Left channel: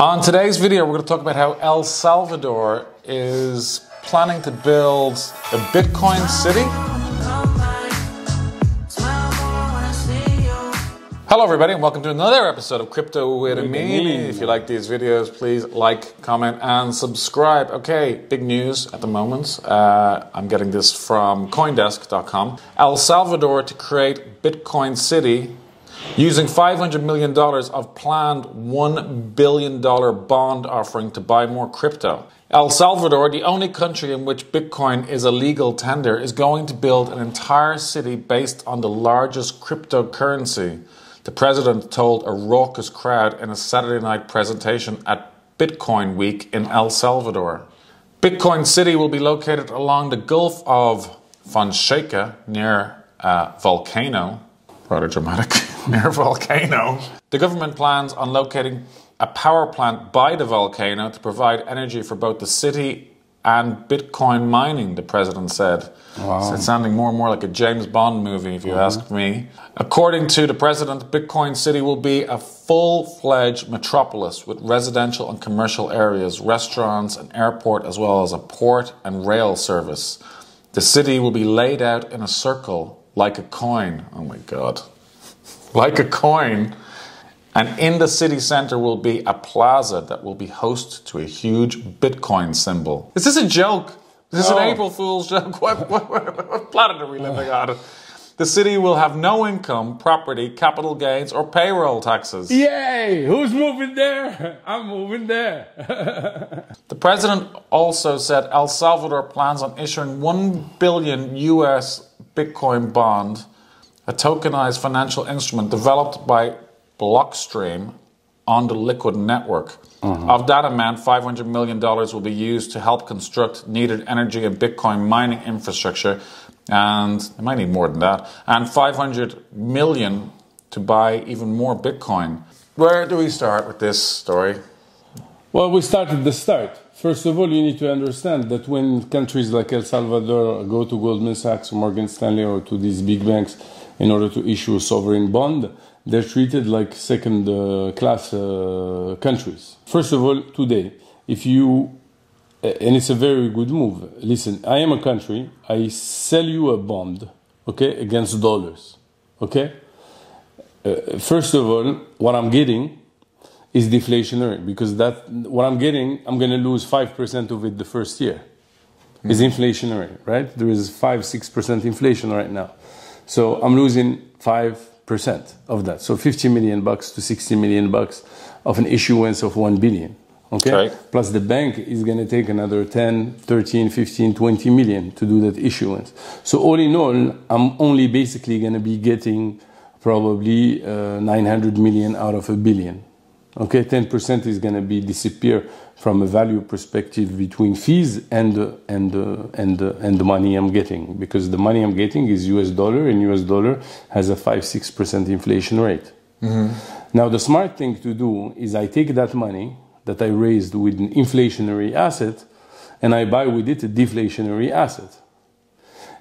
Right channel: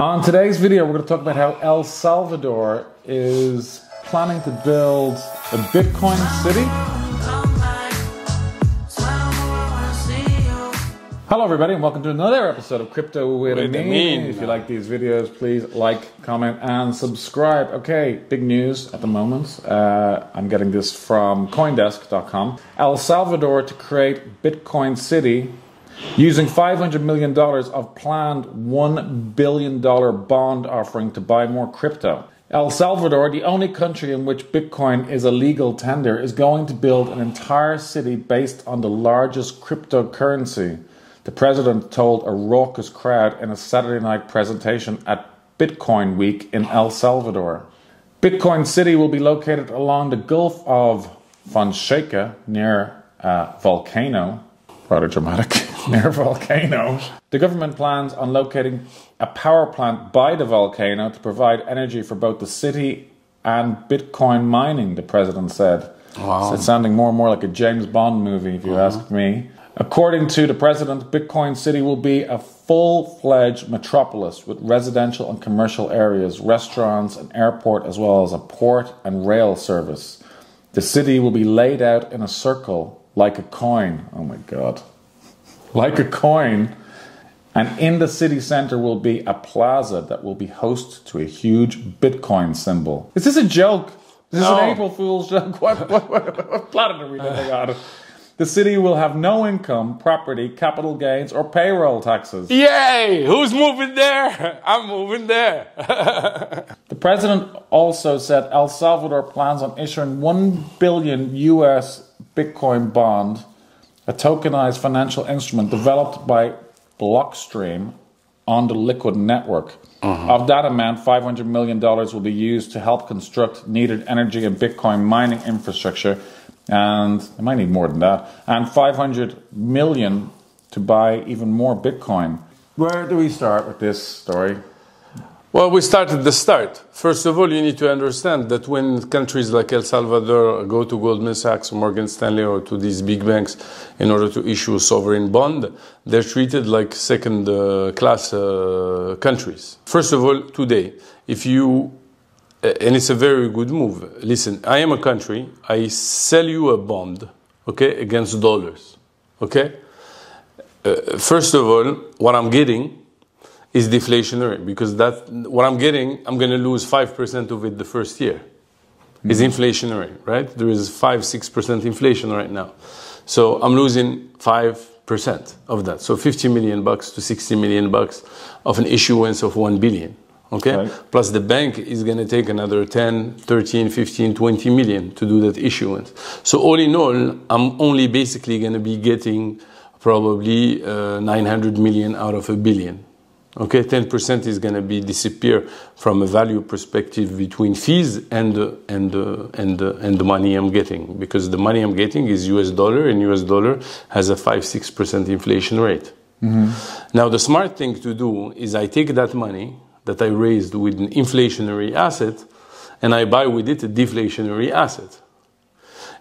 On today's video, we're going to talk about how El Salvador is planning to build a Bitcoin city. Hello everybody and welcome to another episode of Crypto with Amine. If you like these videos, please like, comment and subscribe. Okay, big news at the moment. I'm getting this from Coindesk.com. El Salvador to create Bitcoin city using $500 million of planned $1 billion bond offering to buy more crypto. El Salvador, the only country in which Bitcoin is a legal tender, is going to build an entire city based on the largest cryptocurrency. The president told a raucous crowd in a Saturday night presentation at Bitcoin Week in El Salvador. Bitcoin City will be located along the Gulf of Fonseca near a volcano. Rather dramatic. Near a volcano. The government plans on locating a power plant by the volcano to provide energy for both the city and Bitcoin mining, the president said. Wow. So it's sounding more and more like a James Bond movie, if you ask me. According to the president, Bitcoin City will be a full-fledged metropolis with residential and commercial areas, restaurants, an airport, as well as a port and rail service. The city will be laid out in a circle like a coin. Oh my God. Like a coin. And in the city center will be a plaza that will be host to a huge Bitcoin symbol. Is this a joke? Is this an April Fool's joke? What planet are we living on? The city will have no income, property, capital gains, or payroll taxes. Yay! Who's moving there? I'm moving there. The president also said El Salvador plans on issuing $1 billion US Bitcoin bond, a tokenized financial instrument developed by Blockstream on the Liquid network. Of that amount, $500 million will be used to help construct needed energy and Bitcoin mining infrastructure, and they might need more than that, and $500 million to buy even more Bitcoin. Where do we start with this story? Well, we start at the start. First of all, you need to understand that when countries like El Salvador go to Goldman Sachs, Morgan Stanley, or to these big banks in order to issue a sovereign bond, they're treated like second-class countries. First of all, today, if you... and it's a very good move. Listen, I am a country. I sell you a bond, okay, against dollars, okay? First of all, what I'm getting is deflationary, because that what I'm getting, I'm going to lose 5% of it the first year. It's inflationary, right? There is 5-6% inflation right now. So I'm losing 5% of that. So $50 million to $60 million of an issuance of 1 billion. Okay? Right. Plus the bank is going to take another 10, 13, 15, 20 million to do that issuance. So all in all, I'm only basically going to be getting probably 900 million out of a billion. Okay, 10% is going to be disappear from a value perspective between fees and the money I'm getting, because the money I'm getting is US dollar, and US dollar has a 5-6% inflation rate. Now the smart thing to do is I take that money that I raised with an inflationary asset and I buy with it a deflationary asset,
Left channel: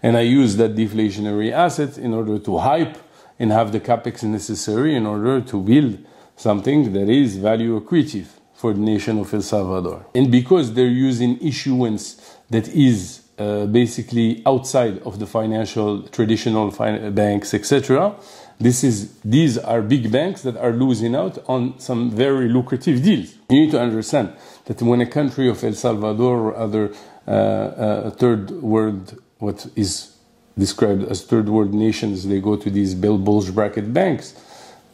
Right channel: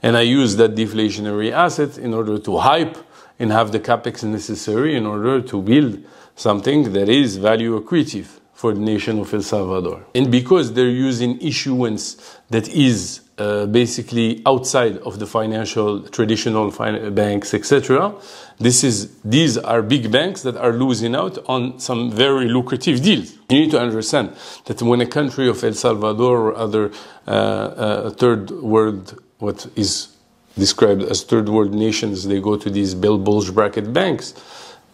and I use that deflationary asset in order to hype and have the capex necessary in order to build something that is value accretive for the nation of El Salvador. And because they're using issuance that is basically outside of the financial, traditional banks, etc., these are big banks that are losing out on some very lucrative deals. You need to understand that when a country of El Salvador or other third world, what is described as third world nations, they go to these bulge bracket banks,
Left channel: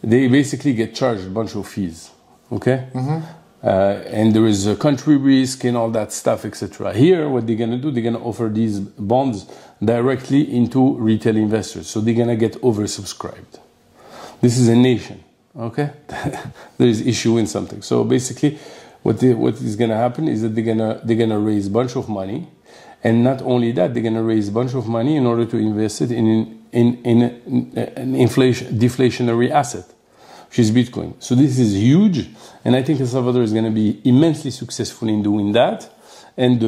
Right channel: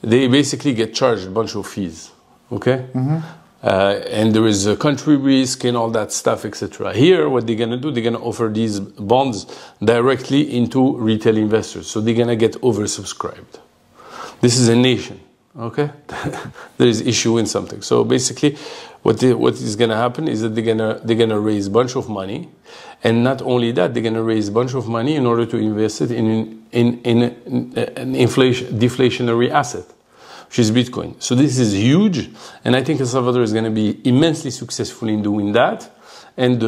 they basically get charged a bunch of fees, okay? And there is a country risk and all that stuff, etc. Here, what they're going to do, they're going to offer these bonds directly into retail investors. So they're going to get oversubscribed. This is a nation, okay? There is issuing something. So basically, what is going to happen is that they're going to raise a bunch of money. And not only that, they're going to raise a bunch of money in order to invest it in an deflationary asset, which is Bitcoin. So this is huge, and I think El Salvador is going to be immensely successful in doing that. And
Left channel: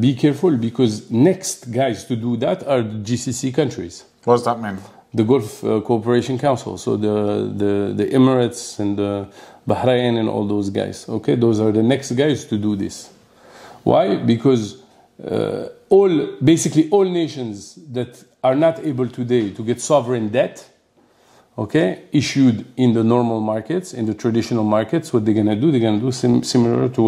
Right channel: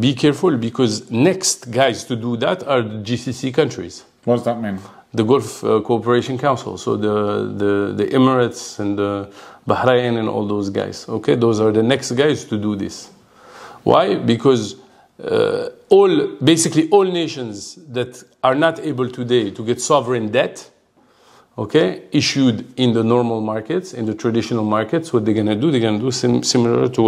be careful, because next guys to do that are the GCC countries. What does that mean? The Gulf Cooperation Council. So the Emirates and Bahrain and all those guys. Okay, those are the next guys to do this. Why? Because basically all nations that are not able today to get sovereign debt, okay, issued in the normal markets, in the traditional markets, what they're going to do, they're going to do similar to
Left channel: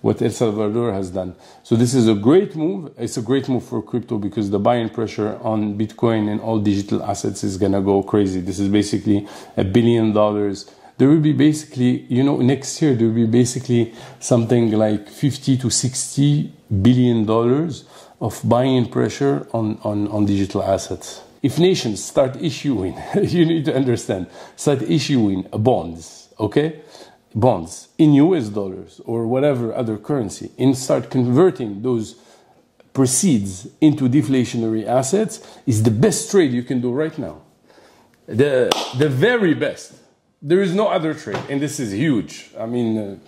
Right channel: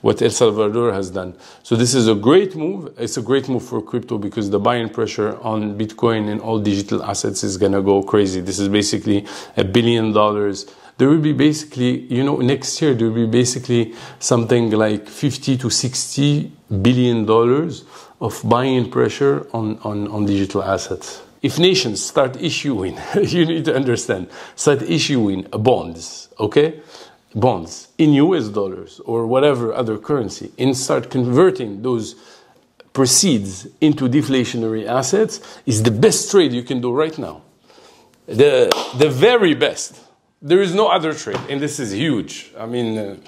what El Salvador has done. So this is a great move. It's a great move for crypto because the buying pressure on Bitcoin and all digital assets is going to go crazy. This is basically $1 billion. There will be basically, next year, there will be basically something like $50 to $60 billion of buying pressure on digital assets. If nations start issuing, you need to understand, start issuing bonds, okay? Bonds in US dollars or whatever other currency, and start converting those proceeds into deflationary assets is the best trade you can do right now. The very best. There is no other trade, and this is huge. I mean,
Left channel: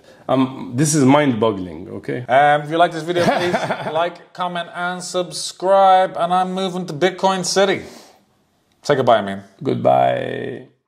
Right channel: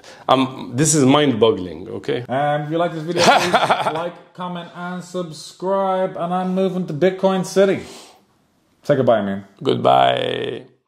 this is mind-boggling, okay? If you like this video, please like, comment, and subscribe. And I'm moving to Bitcoin City. Say goodbye, Amine. Goodbye.